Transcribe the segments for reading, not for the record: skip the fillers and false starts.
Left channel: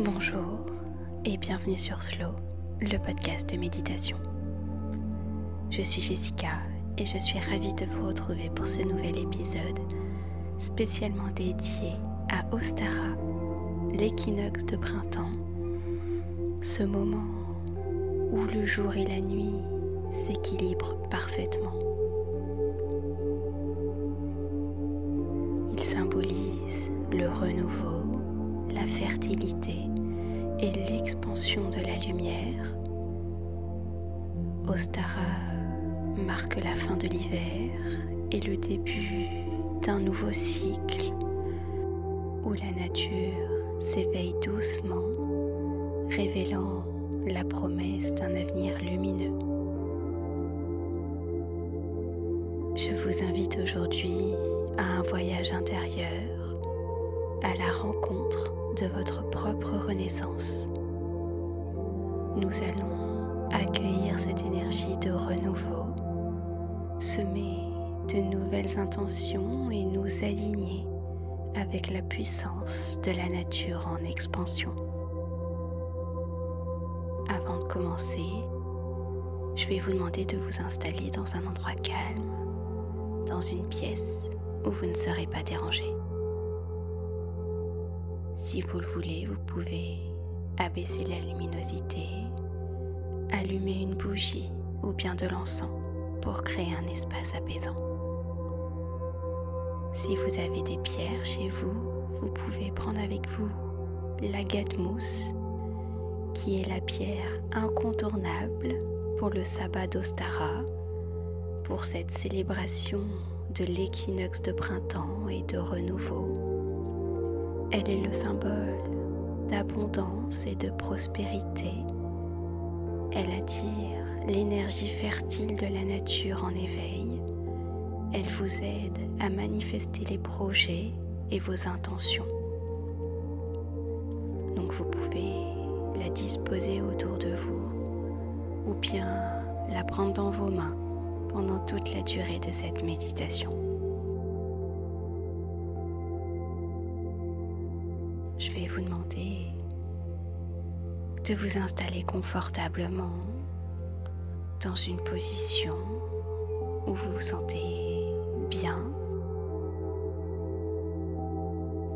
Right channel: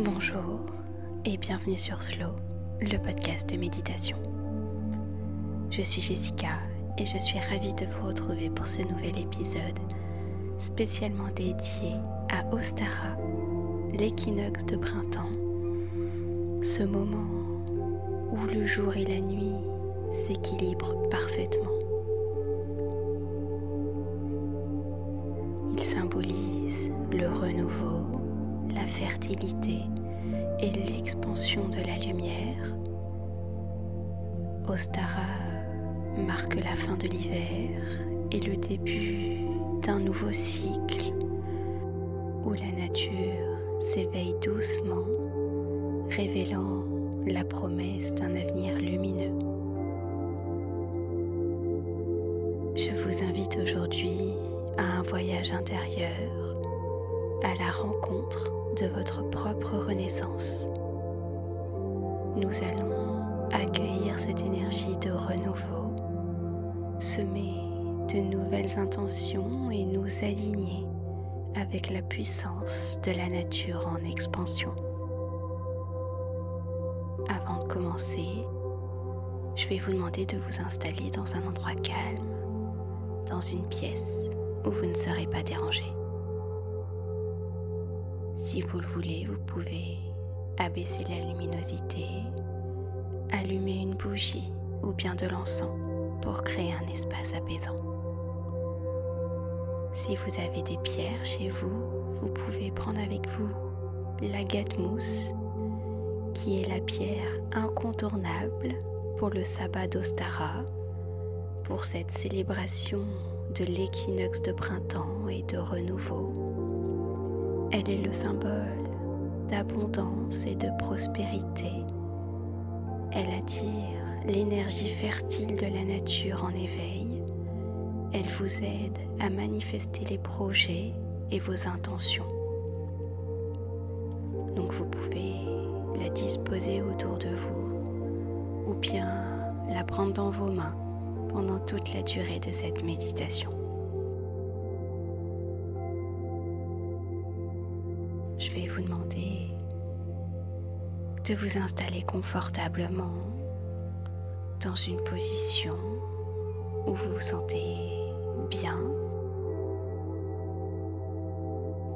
Bonjour et bienvenue sur Slow, le podcast de méditation. Je suis Jessica et je suis ravie de vous retrouver pour ce nouvel épisode spécialement dédié à Ostara, l'équinoxe de printemps, ce moment où le jour et la nuit s'équilibrent parfaitement. Il symbolise le renouveau, la fertilité et l'expansion de la lumière. Ostara marque la fin de l'hiver et le début d'un nouveau cycle où la nature s'éveille doucement, révélant la promesse d'un avenir lumineux. Je vous invite aujourd'hui à un voyage intérieur, à la rencontre de votre propre renaissance. Nous allons accueillir cette énergie de renouveau, semer de nouvelles intentions et nous aligner avec la puissance de la nature en expansion. Avant de commencer, je vais vous demander de vous installer dans un endroit calme, dans une pièce où vous ne serez pas dérangé. Si vous le voulez, vous pouvez abaisser la luminosité, allumer une bougie ou bien de l'encens pour créer un espace apaisant. Si vous avez des pierres chez vous, vous pouvez prendre avec vous l'agate mousse, qui est la pierre incontournable pour le sabbat d'Ostara, pour cette célébration de l'équinoxe de printemps et de renouveau. Elle est le symbole d'abondance et de prospérité. Elle attire l'énergie fertile de la nature en éveil. Elle vous aide à manifester les projets et vos intentions. Donc vous pouvez la disposer autour de vous ou bien la prendre dans vos mains pendant toute la durée de cette méditation. Je vais vous demander de vous installer confortablement dans une position où vous vous sentez bien.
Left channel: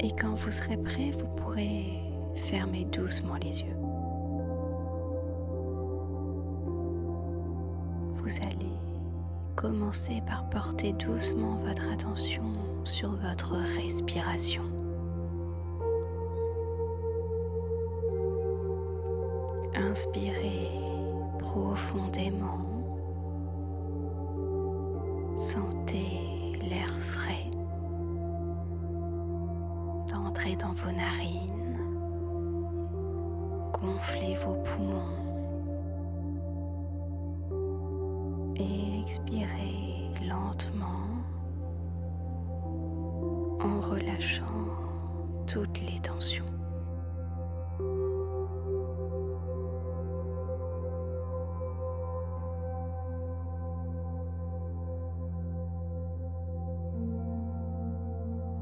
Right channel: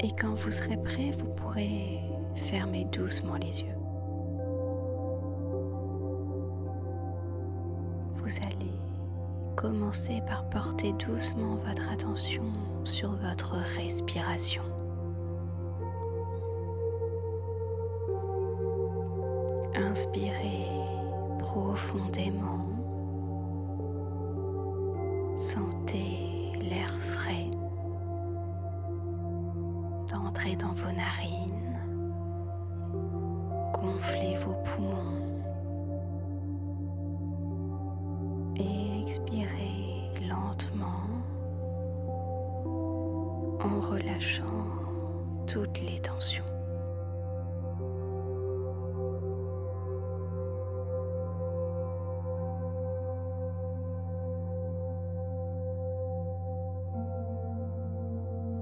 Et quand vous serez prêt, vous pourrez fermer doucement les yeux. Vous allez commencer par porter doucement votre attention sur votre respiration. Inspirez profondément. Sentez l'air frais d'entrer dans vos narines. Gonflez vos poumons. Et expirez lentement en relâchant toutes les tensions.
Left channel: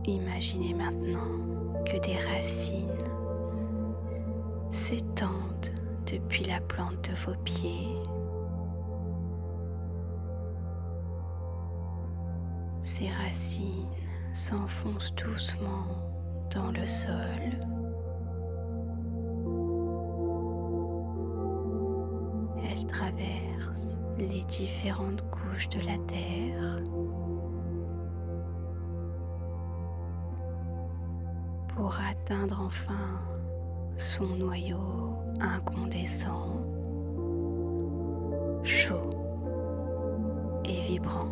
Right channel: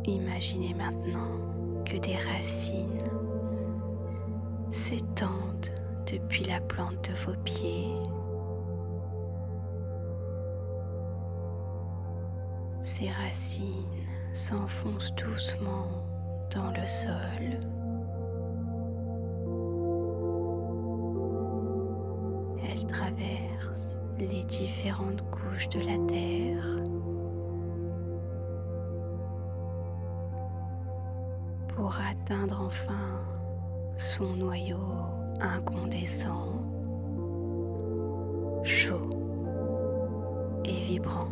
Imaginez maintenant que des racines s'étendent depuis la plante de vos pieds. Ces racines s'enfoncent doucement dans le sol. Elles traversent les différentes couches de la terre pour atteindre enfin son noyau incandescent, chaud et vibrant.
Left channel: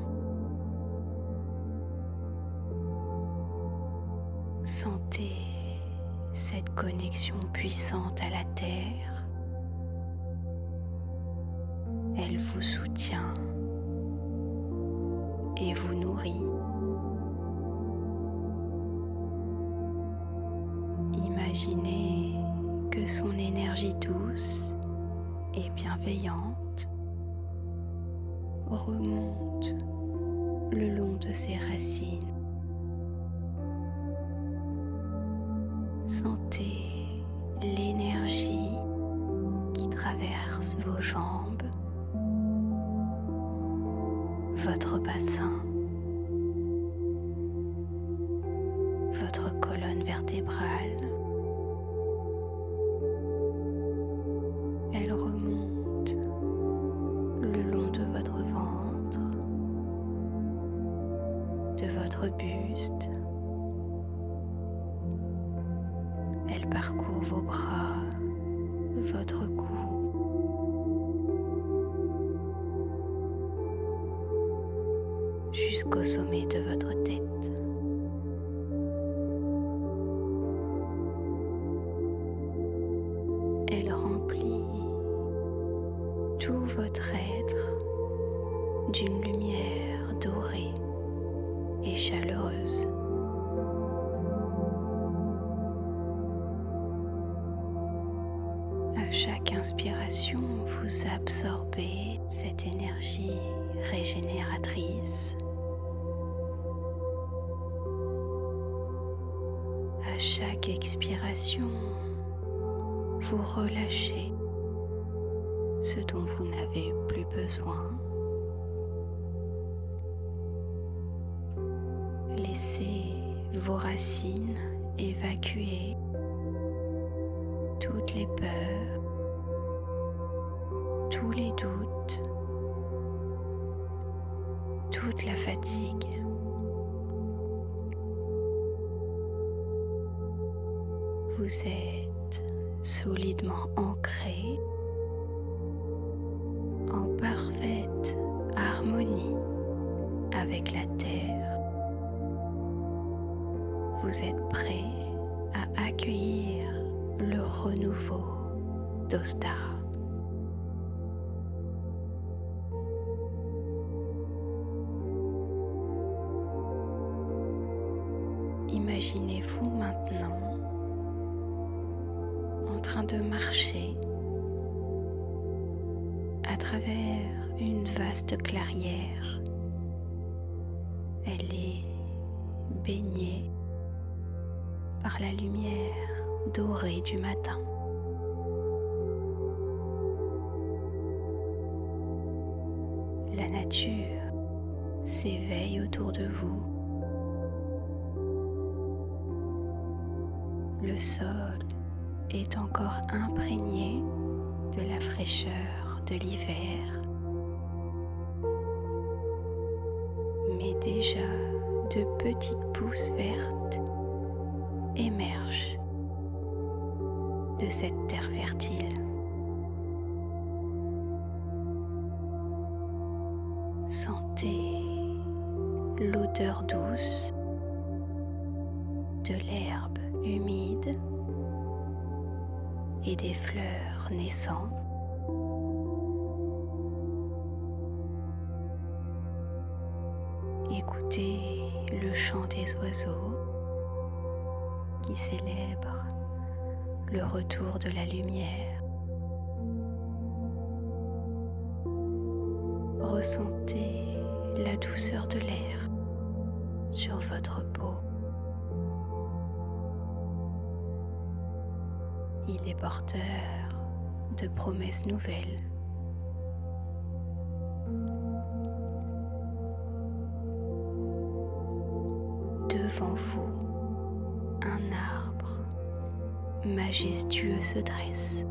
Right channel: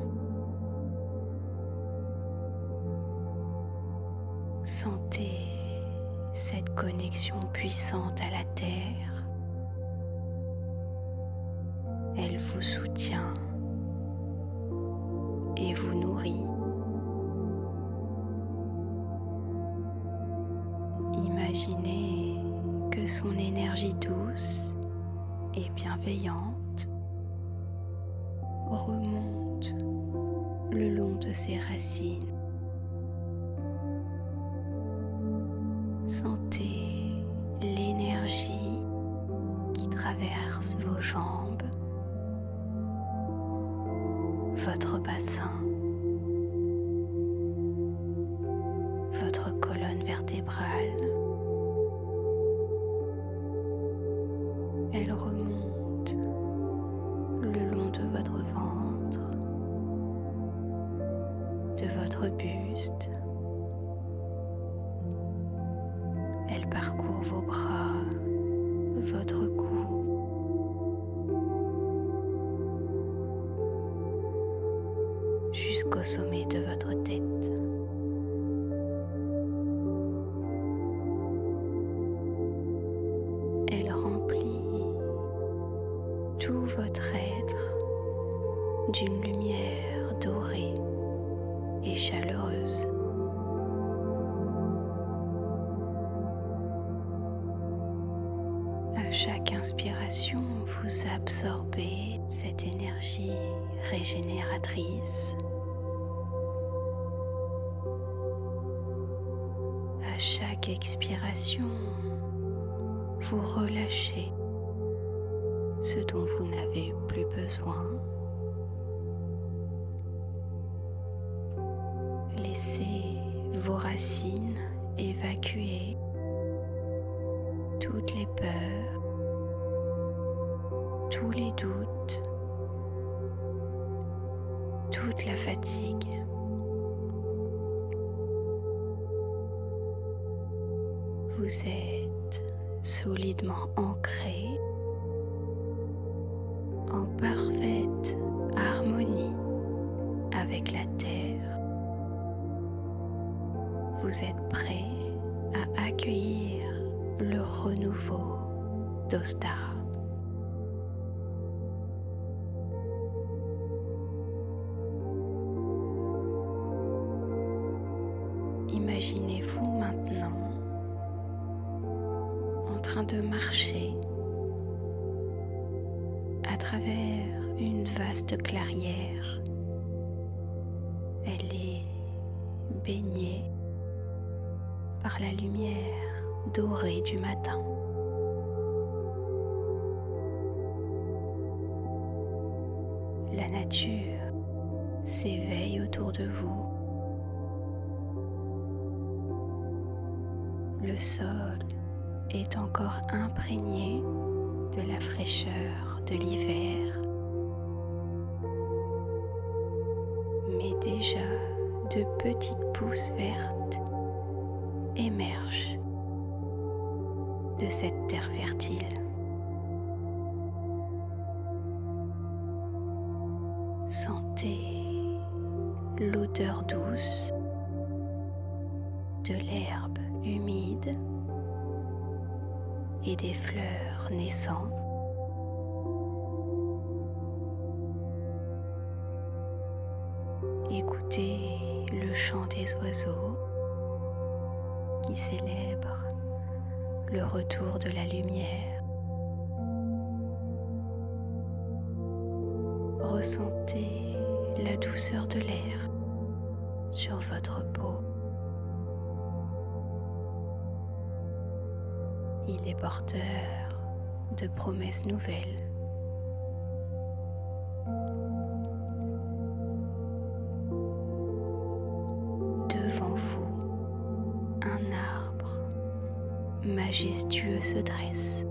Sentez cette connexion puissante à la terre. Elle vous soutient et vous nourrit. Imaginez que son énergie douce et bienveillante remonte le long de ses racines. Sentez l'énergie qui traverse vos jambes, votre bassin, votre colonne vertébrale. Elle remonte le long de votre ventre, de votre buste. Elle parcourt vos bras, votre cou, jusqu'au sommet de votre tête. Elle remplit tout votre être d'une lumière dorée et chaleureuse. À chaque inspiration, vous absorbez cette énergie régénératrice. À chaque expiration, vous relâchez ce dont vous n'avez plus besoin. Laissez vos racines évacuer toutes les peurs, tous les doutes, toute la fatigue. Vous êtes solidement ancré en parfaite harmonie avec la Terre. Vous êtes prêt à accueillir le renouveau d'Ostara. Imaginez-vous maintenant en train de marcher à travers une vaste clairière. Elle est baignée par la lumière dorée du matin. La nature s'éveille autour de vous. Le sol est encore imprégné de la fraîcheur de l'hiver. Mais déjà de petites pousses vertes émergent de cette terre fertile. Sentez l'odeur douce de l'herbe humide et des fleurs naissantes. Écoutez le chant des oiseaux qui célèbrent le retour de la lumière. Ressentez la douceur de l'air sur votre peau. Il est porteur de promesses nouvelles. Devant vous, un arbre majestueux se dresse.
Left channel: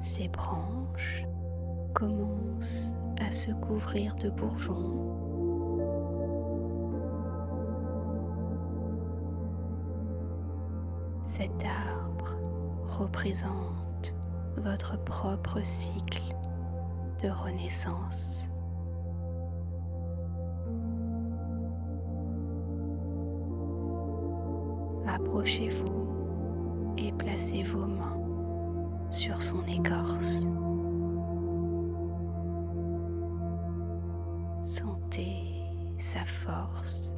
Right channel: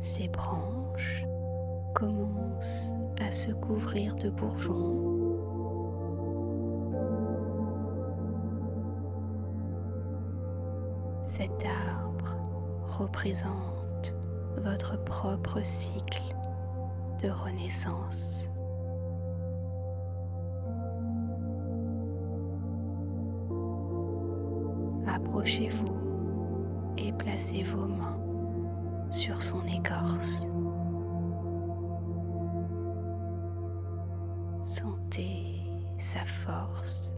Ses branches commencent à se couvrir de bourgeons. Cet arbre représente votre propre cycle de renaissance. Approchez-vous et placez vos mains sur son écorce. Sentez sa force,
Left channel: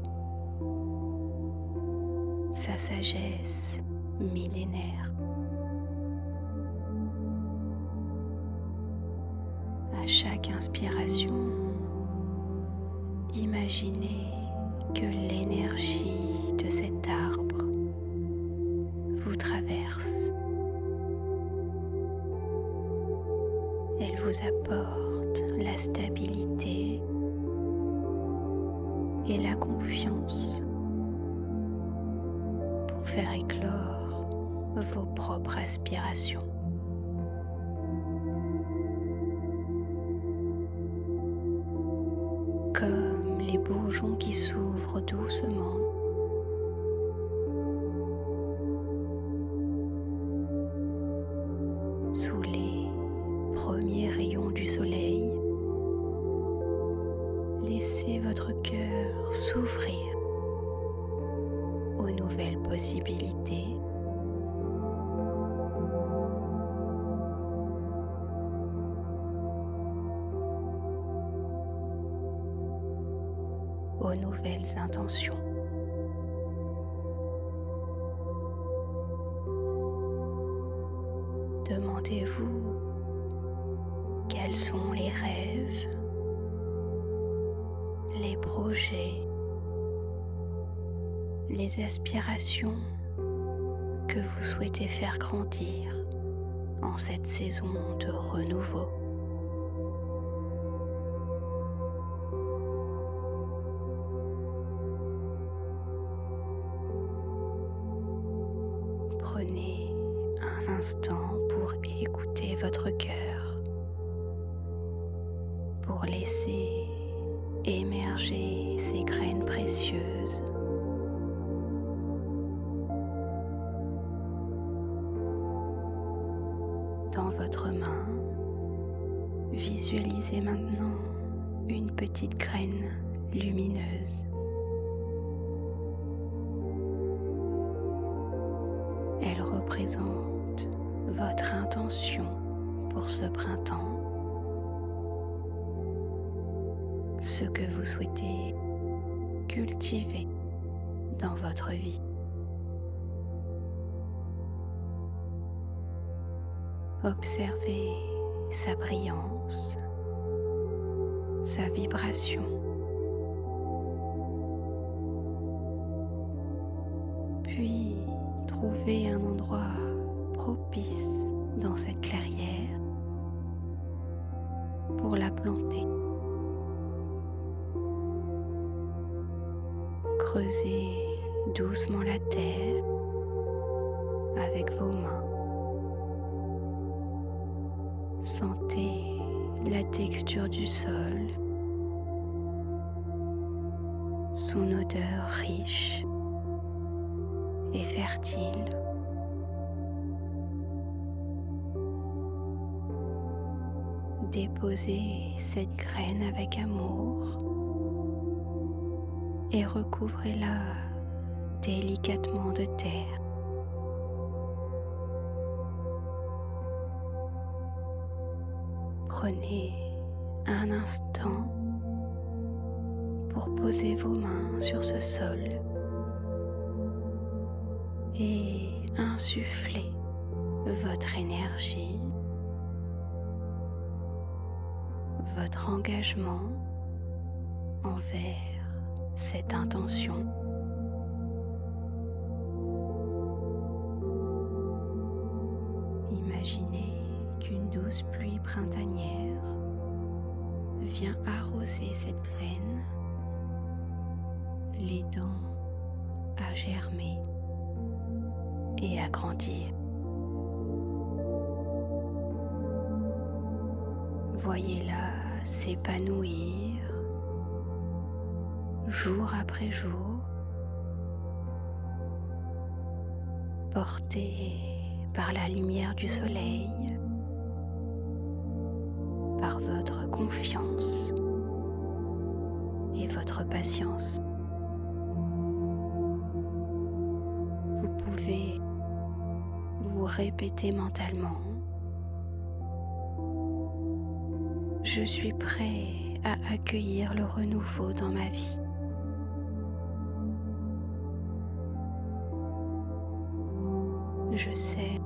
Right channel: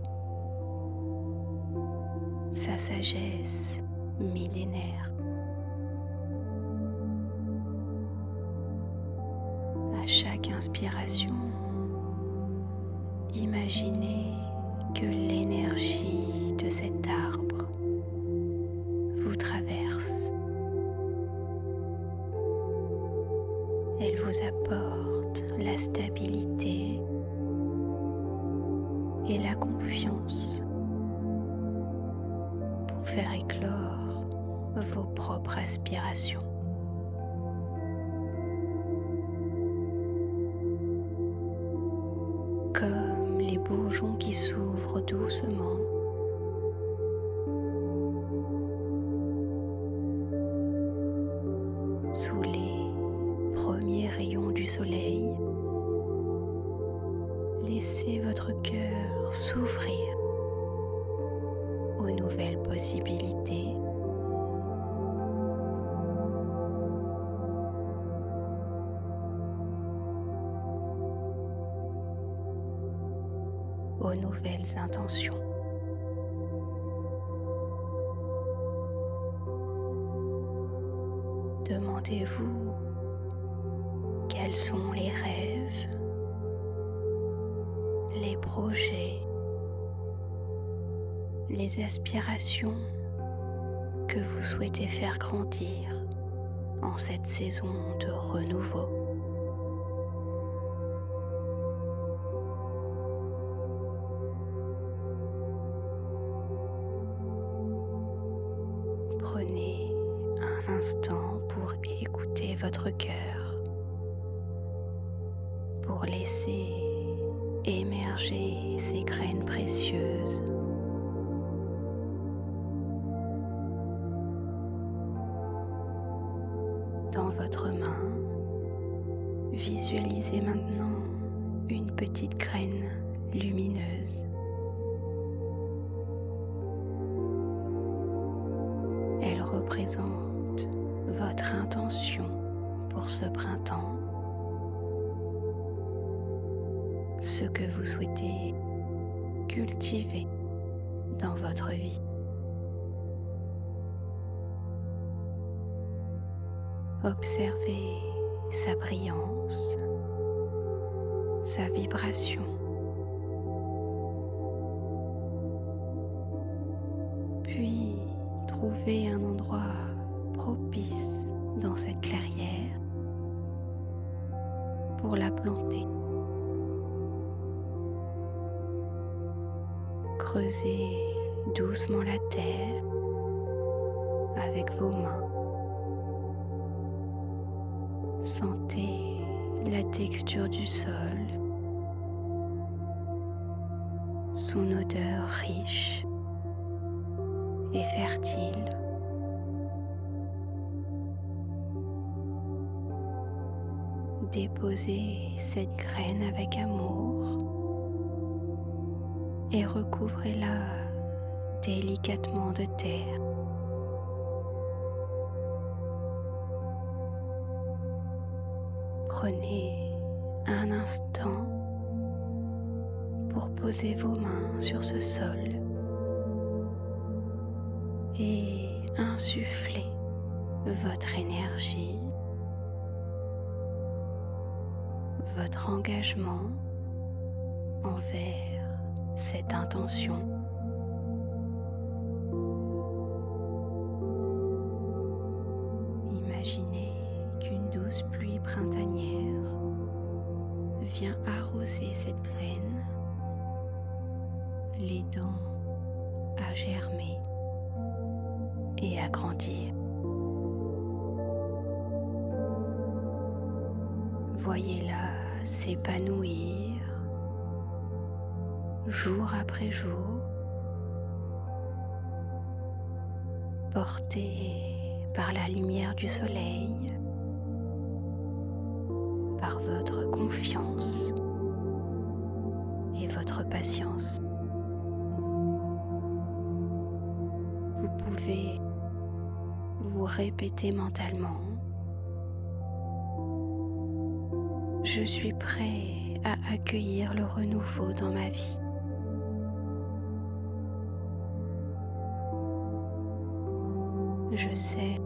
sa sagesse millénaire. À chaque inspiration, imaginez que l'énergie de cet arbre vous traverse. Elle vous apporte la stabilité et la confiance pour faire éclore vos propres aspirations. Comme les bourgeons qui s'ouvrent doucement, sous les premiers rayons du soleil, laissez votre cœur s'ouvrir aux nouvelles possibilités. Aux nouvelles intentions. Demandez-vous quels sont les rêves, les projets, les aspirations que vous souhaitez faire grandir en cette saison de renouveau. Prenez un instant pour écouter votre cœur, pour laisser émerger ces graines précieuses. Dans votre main, visualisez maintenant une petite graine lumineuse. Elle représente votre intention pour ce printemps, ce que vous souhaitez cultiver dans votre vie. Observez sa brillance, sa vibration. Puis trouvez un endroit propice dans cette clairière pour la planter. Creusez doucement la terre avec vos mains. Sentez la texture du sol, son odeur riche et fertile. Déposez cette graine avec amour et recouvrez-la délicatement de terre. Prenez un instant pour poser vos mains sur ce sol et insuffler votre énergie, votre engagement envers cette intention. Imaginez qu'une douce pluie printanière vient arroser cette graine, l'aidant à germer et à grandir. Voyez-la s'épanouir jour après jour, portée par la lumière du soleil, par votre confiance et votre patience. Vous pouvez vous répéter mentalement: je suis prêt à accueillir le renouveau dans ma vie. Je sais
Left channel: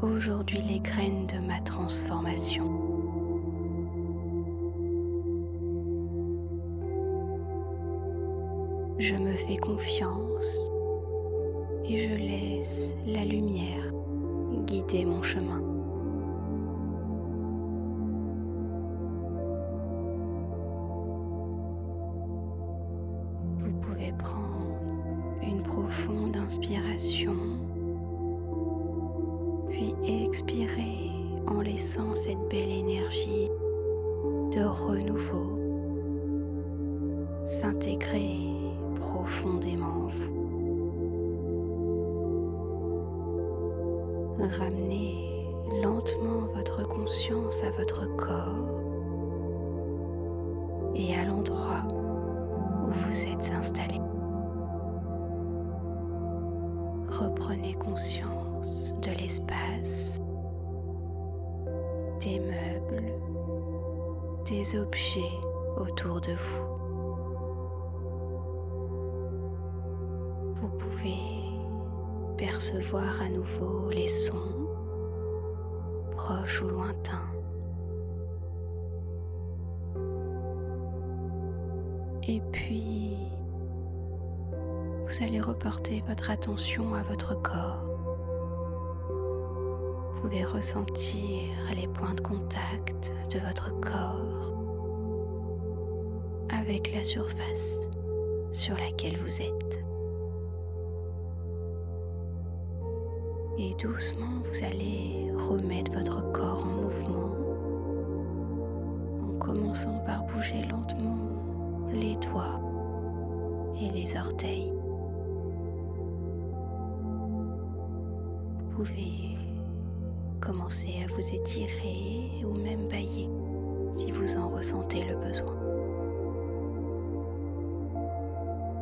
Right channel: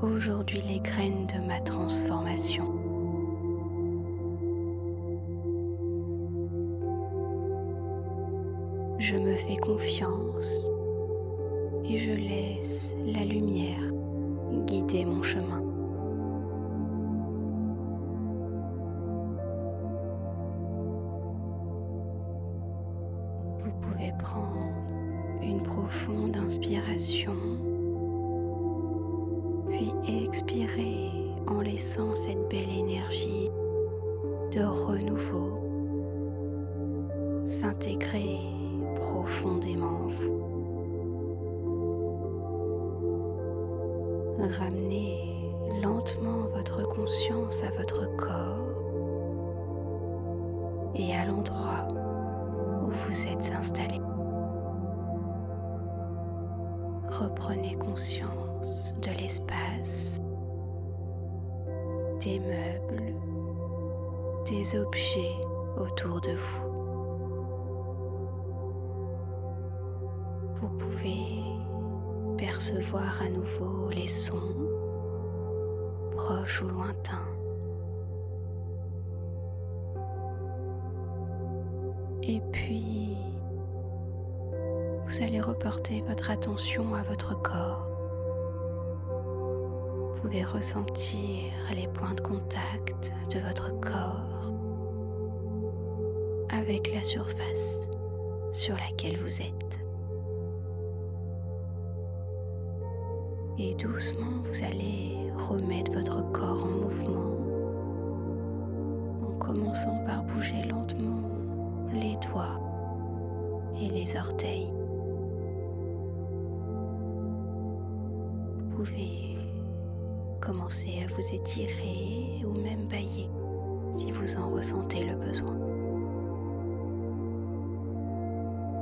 aujourd'hui les graines de ma transformation. Je me fais confiance et je laisse la lumière guider mon chemin. Vous pouvez prendre une profonde inspiration, puis expirer en laissant cette belle énergie de renouveau s'intégrer profondément en vous. Ramenez lentement votre conscience à votre corps et à l'endroit où vous êtes installé. Reprenez conscience de l'espace, des meubles, des objets autour de vous. Vous pouvez percevoir à nouveau les sons, proches ou lointains. Et puis, vous allez reporter votre attention à votre corps. Vous pouvez ressentir les points de contact de votre corps avec la surface sur laquelle vous êtes. Et doucement, vous allez remettre votre corps en mouvement en commençant par bouger lentement les doigts et les orteils. Vous pouvez commencer à vous étirer ou même bâiller si vous en ressentez le besoin.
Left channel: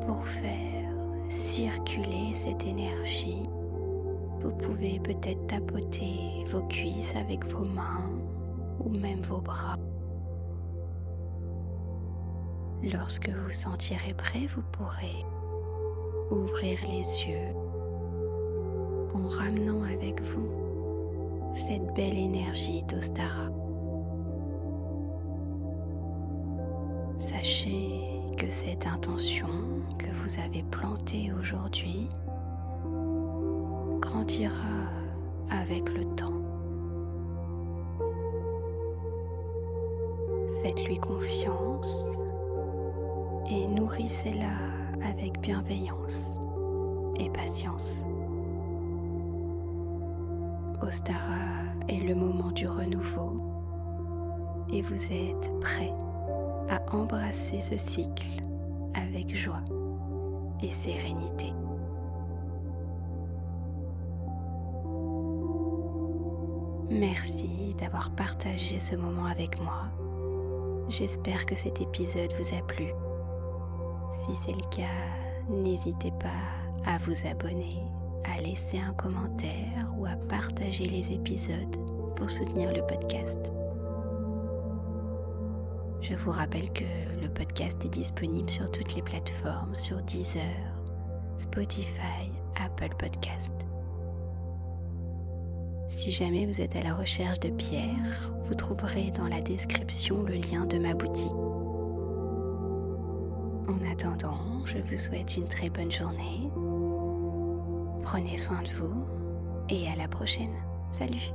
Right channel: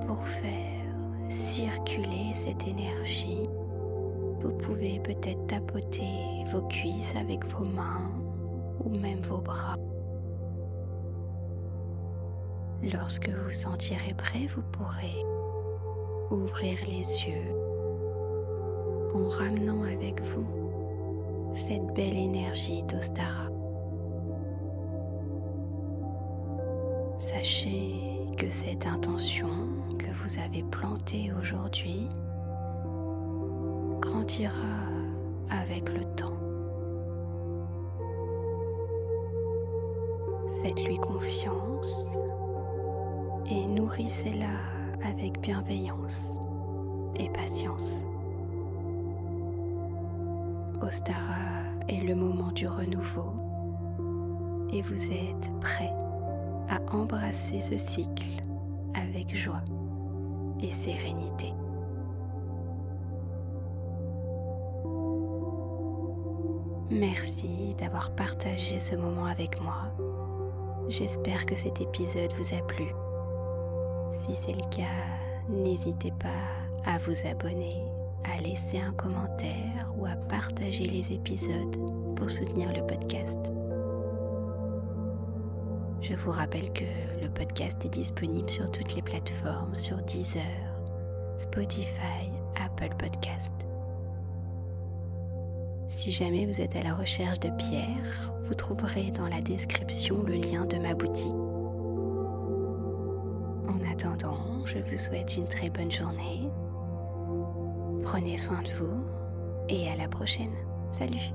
Pour faire circuler cette énergie, vous pouvez peut-être tapoter vos cuisses avec vos mains ou même vos bras. Lorsque vous sentirez prêt, vous pourrez ouvrir les yeux en ramenant avec vous cette belle énergie d'Ostara. Sachez que cette intention que vous avez plantée aujourd'hui grandira avec le temps. Faites-lui confiance et nourrissez-la avec bienveillance et patience. Ostara est le moment du renouveau et vous êtes prêt à embrasser ce cycle avec joie et sérénité. Merci d'avoir partagé ce moment avec moi. J'espère que cet épisode vous a plu. Si c'est le cas, n'hésitez pas à vous abonner, à laisser un commentaire ou à partager les épisodes pour soutenir le podcast. Je vous rappelle que le podcast est disponible sur toutes les plateformes, sur Deezer, Spotify, Apple Podcast. Si jamais vous êtes à la recherche de pierres, vous trouverez dans la description le lien de ma boutique. En attendant, je vous souhaite une très bonne journée. Prenez soin de vous et à la prochaine. Salut!